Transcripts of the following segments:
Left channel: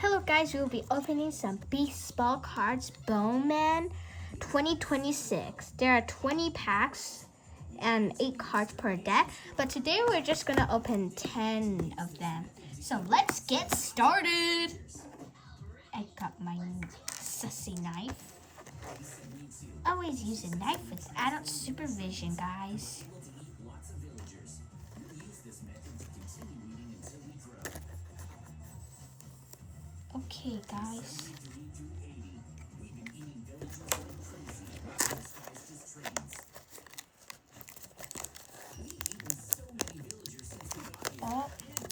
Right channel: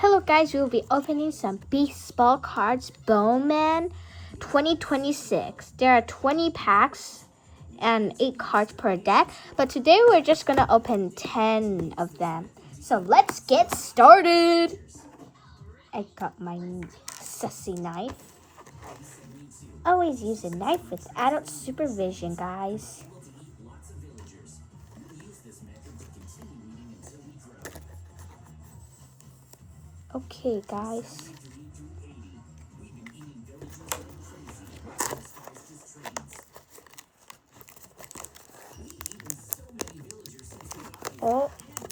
Hello guys, we'll be opening some baseball cards, Bowman 2026. There are 20 packs and 8 cards per deck, but today we're just gonna open 10 of them. So let's get started. I got my sussy knife. Always use a knife with adult supervision, guys. Okay, guys. Oh,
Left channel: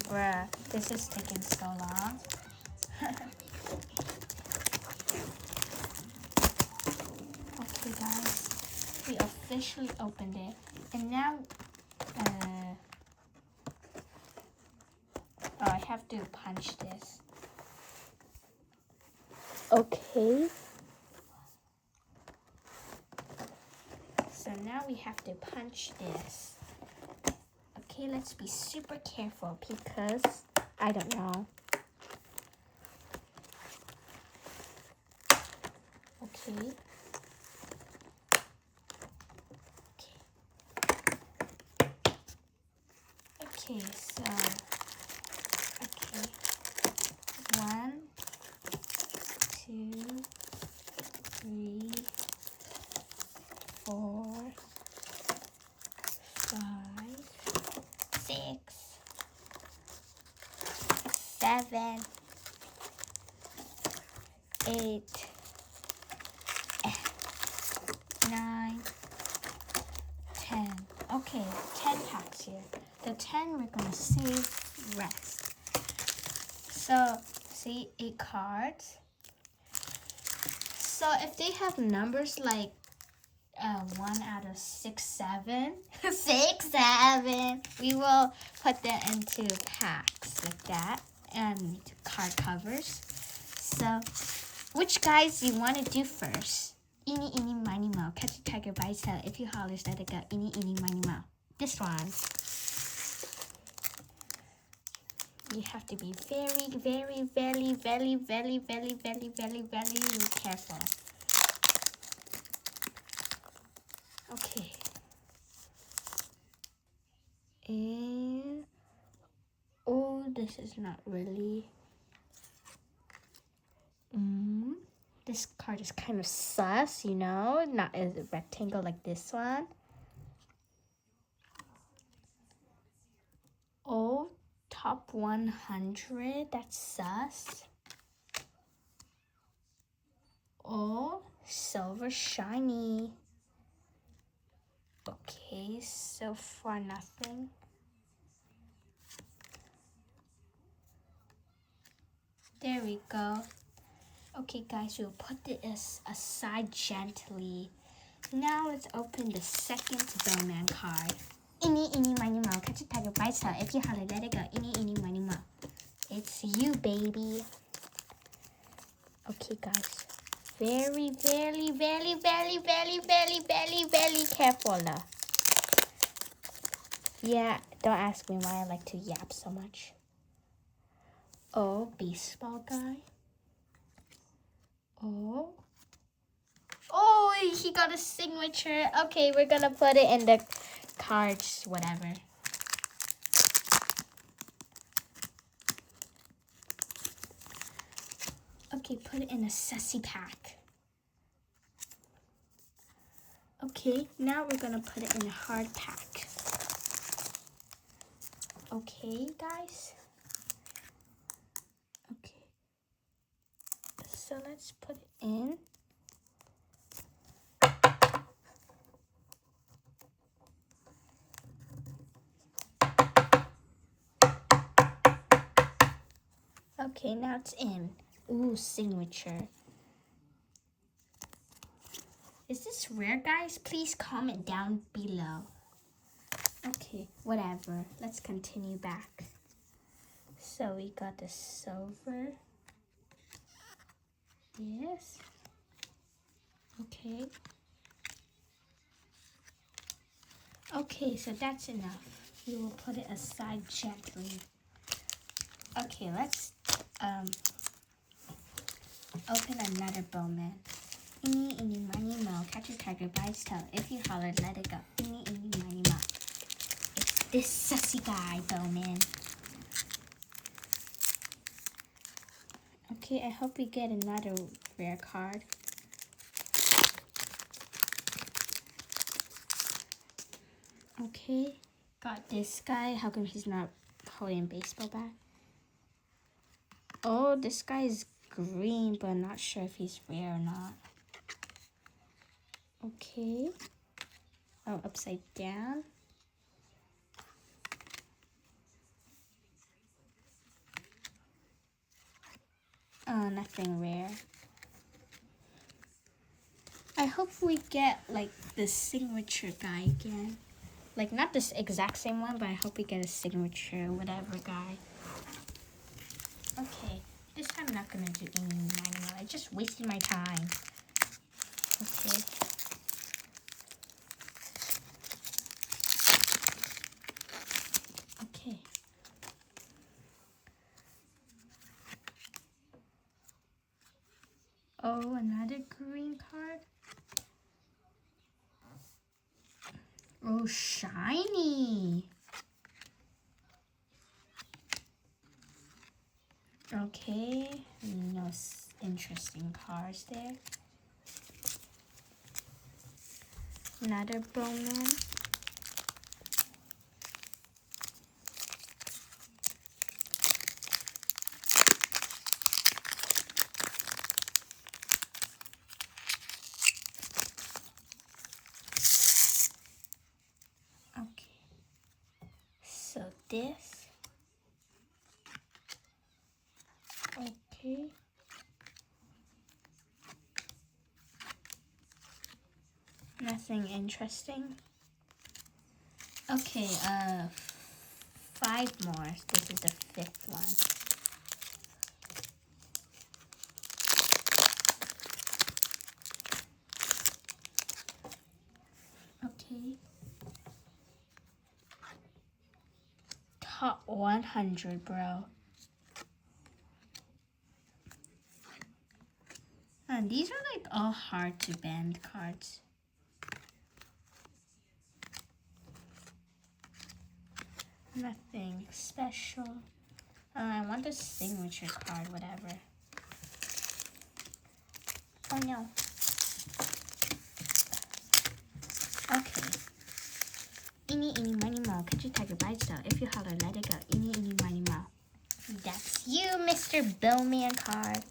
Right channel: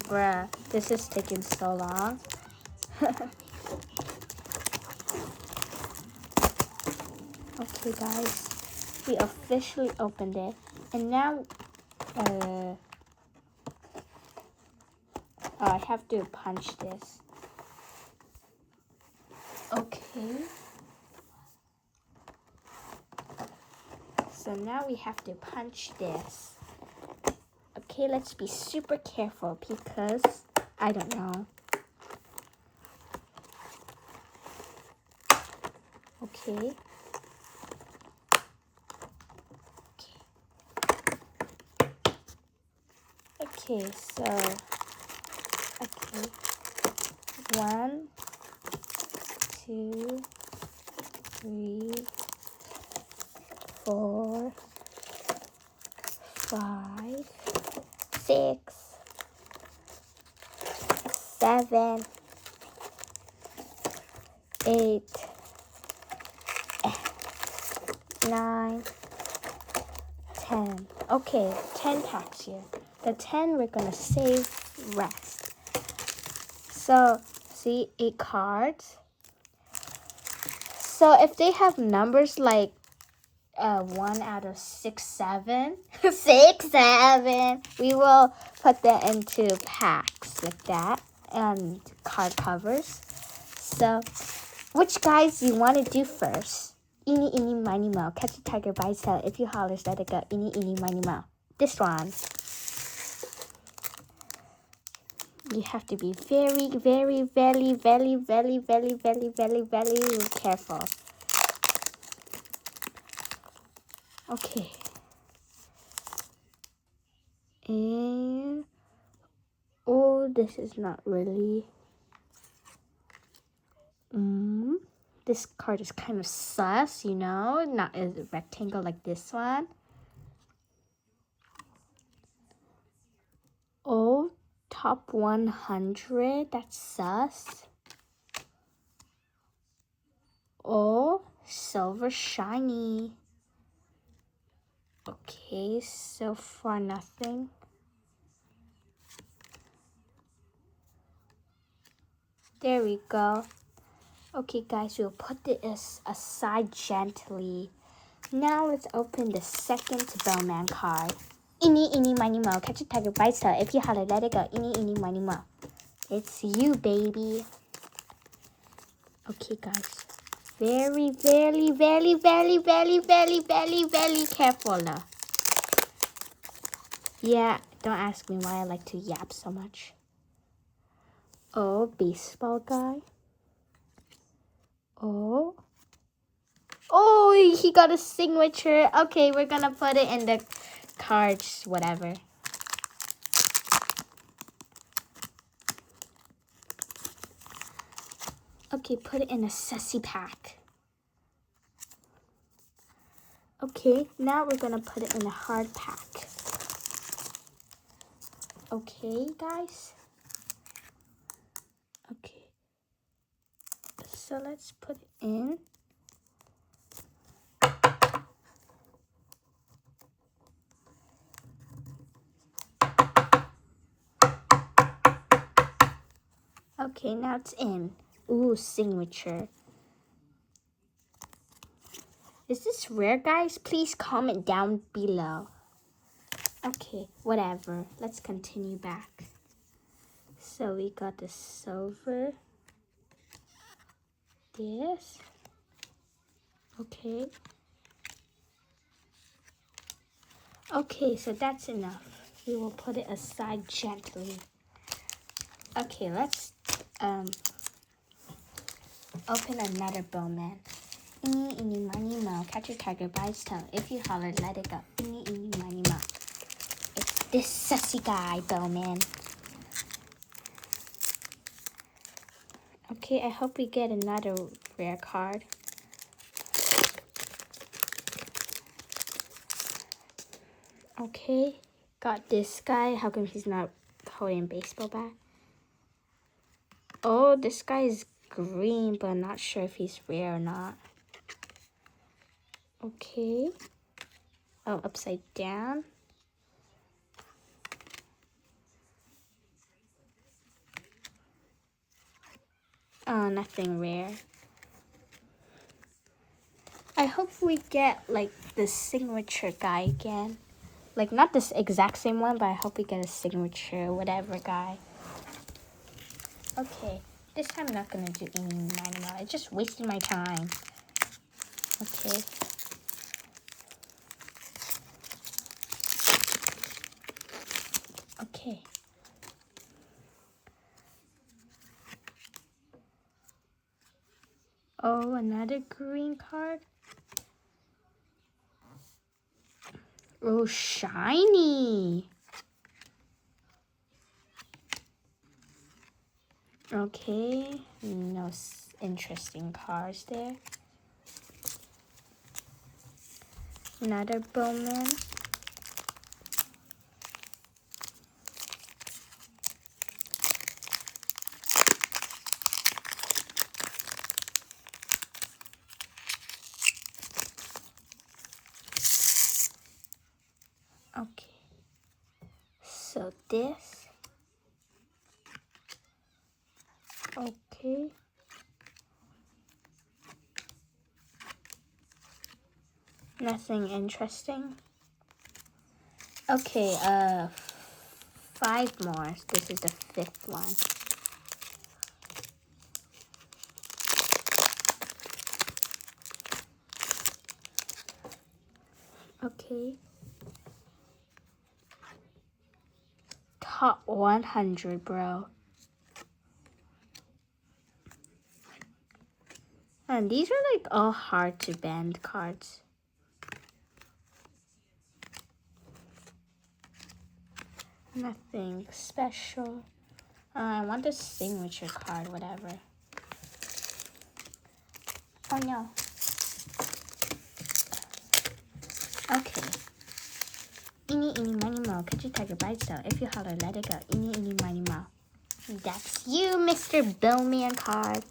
bruh, this is taking so long. Okay, guys, we officially opened it, and now, I have to punch this. Okay. So now we have to punch this. Okay, let's be super careful because I don't know. Okay. Okay, so okay. 1, 2, 3, 4, 5, 6, 7, 8, 9, 10. Okay, 10 packs here. The 10 we're gonna save rest. So, see, 8 cards. So if they have numbers like 1 out of 6, 7, 6, 7, we will put them into packs with that and card covers. So, which guys you want to do first? Eeny, eeny, miny, moe. Catch a tiger by its tail. If you holler, let it go. Eeny, eeny, miny, moe. This one. You have to be very, very, very, very, very, very, very, very, very careful. Okay. And oh, this is not really. This card is kind of sus, you know, not a rectangle like this one. Oh, top 100, that's sus. Oh, silver shiny. Okay, so far nothing. There we go. Okay, guys, we'll put this aside gently. Now let's open the second Bowman card. Eeny, eeny, miny, moe. Catch a tiger by its tail. If you holler, let it go. Eeny, eeny, miny, moe. It's you, baby. Okay, guys. Very, very, very, very, very, very, very, very careful now. Yeah, don't ask me why I like to yap so much. Oh, baseball guy. Oh. Oh, he got a signature. Okay, we're gonna put it in the cards, whatever. Okay, put it in a sussy pack. Okay, now we're gonna put it in a hard pack. Okay, guys. Okay. So let's put it in. Okay, now it's in. Ooh, signature. Is this rare, guys? Please comment down below. Okay, whatever. Let's continue back. So we got the silver. This. Okay. Okay, so that's enough. We will put it aside gently. Okay, let's Open another Bowman. Eeny, eeny, miny, moe. Catch a tiger by its tail. If you holler, let it go. Eeny, eeny, miny, moe. It's this sussy guy, Bowman. Okay, I hope we get another rare card. Okay, got this guy. How come he's not holding a baseball bat? Oh, this guy is green, but I'm not sure if he's rare or not. Okay. Oh, upside down. Oh, nothing rare. I hope we get like the signature guy again. Like not this exact same one, but I hope we get a signature whatever guy. Okay, this time I'm not gonna do any minor. I just wasted my time. Okay. Okay. Oh, another green card. Oh, shiny. Okay, no interesting cards there. Another Bowman. Okay, so this. Okay. Nothing interesting. Okay, 5 more. This is the 5th one. Okay. Top 100, bro. And these are like all hard to bend cards. Nothing special. I want the signature card, whatever. Oh no. Okay. Eeny, eeny, miny, moe. Catch a tiger by its tail. If you holler, let it go. Eeny, eeny, miny, moe. That's you, Mr. Bowman card.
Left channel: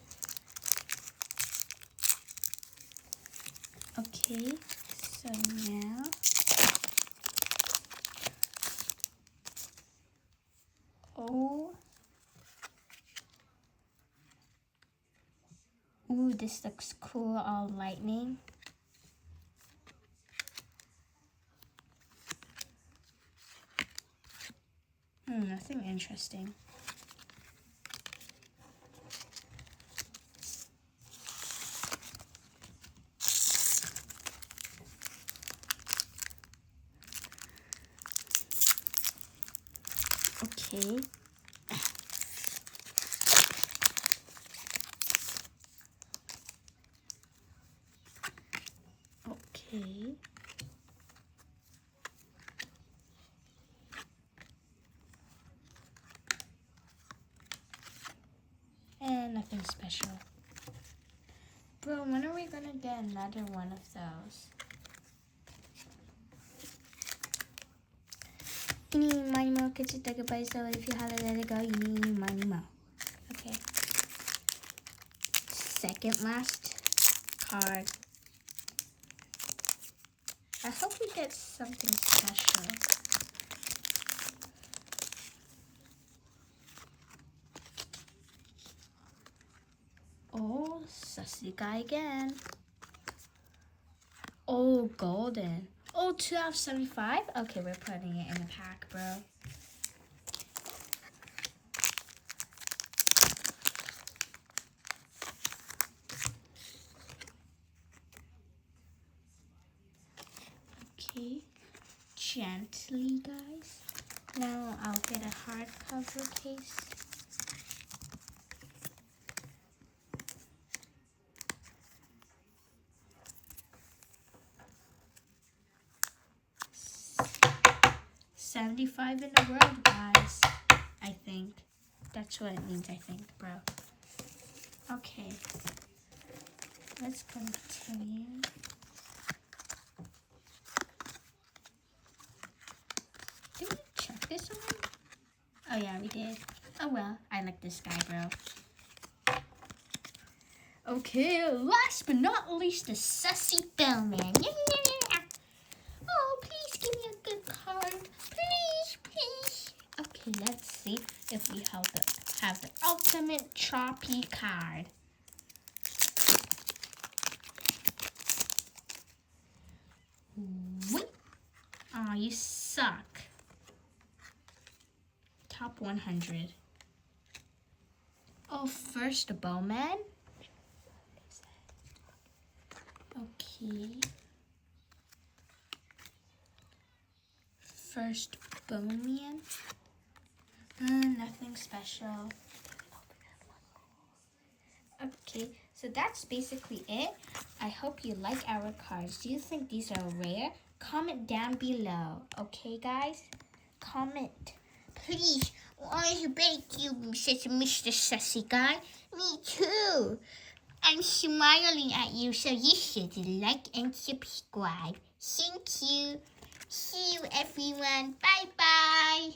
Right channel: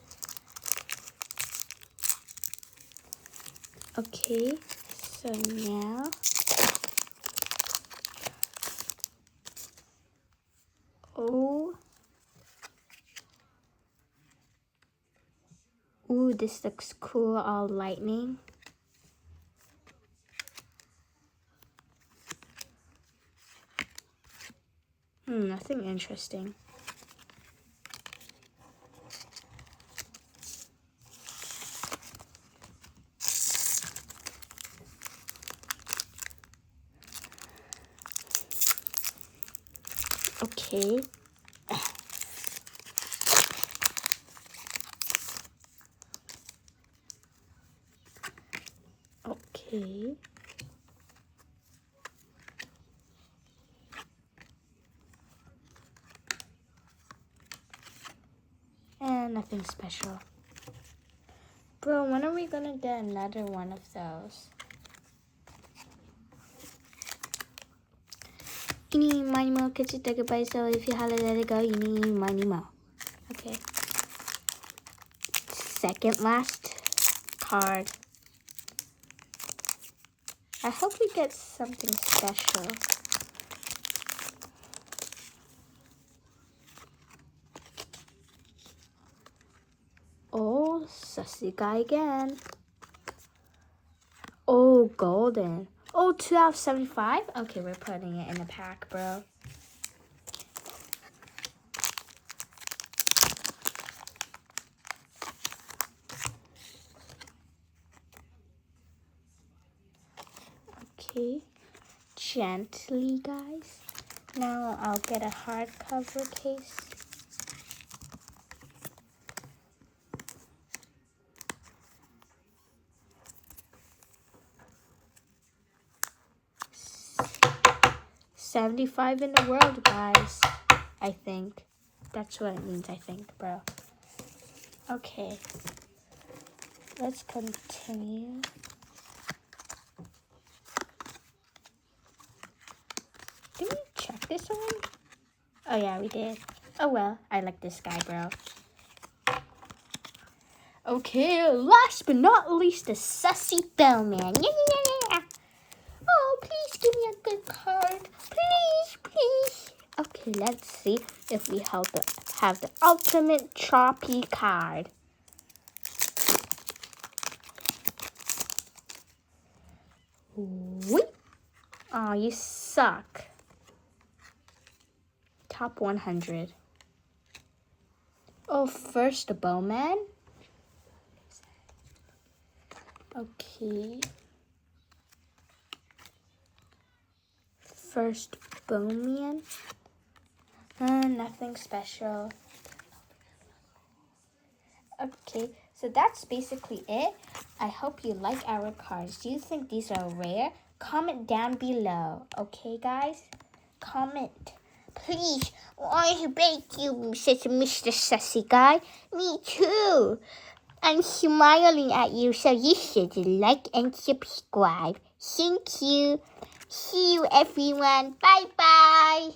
Okay, so now ooh, this looks cool, all lightning. Nothing interesting. Okay. Okay. And nothing special. Bro, when are we gonna get another one of those? Eeny, miny, moe, catch a tiger by its tail. If you holler, let it go. Eeny, miny, moe. Okay. Second last card. I hope we get something special. Oh, sussy guy again. Oh, golden. Oh, 2 out of 75? Okay, we're putting it in the pack, bro. Okay, gently, guys. Now I'll get a hardcover case. 75 in the world, guys. I think. That's what it means, I think, bro. Okay. Let's continue. Did we check this one? Oh, yeah, we did. Oh, well. I like this guy, bro. Okay, last but not least, the Sussy Bowman. Oh, please give me a good card. Please, please. Okay, let's see if we have the ultimate choppy card. Whoop. Oh, you suck. Top 100. Oh, first the Bowman. Okay. First Bowman. Nothing special. Okay, so that's basically it. I hope you like our cards. Do you think these are rare? Comment down below. Okay, guys? Comment. Please. I beg you, says Mr. Sussy Guy. Me too. I'm smiling at you, so you should like and subscribe. Thank you. See you, everyone. Bye-bye.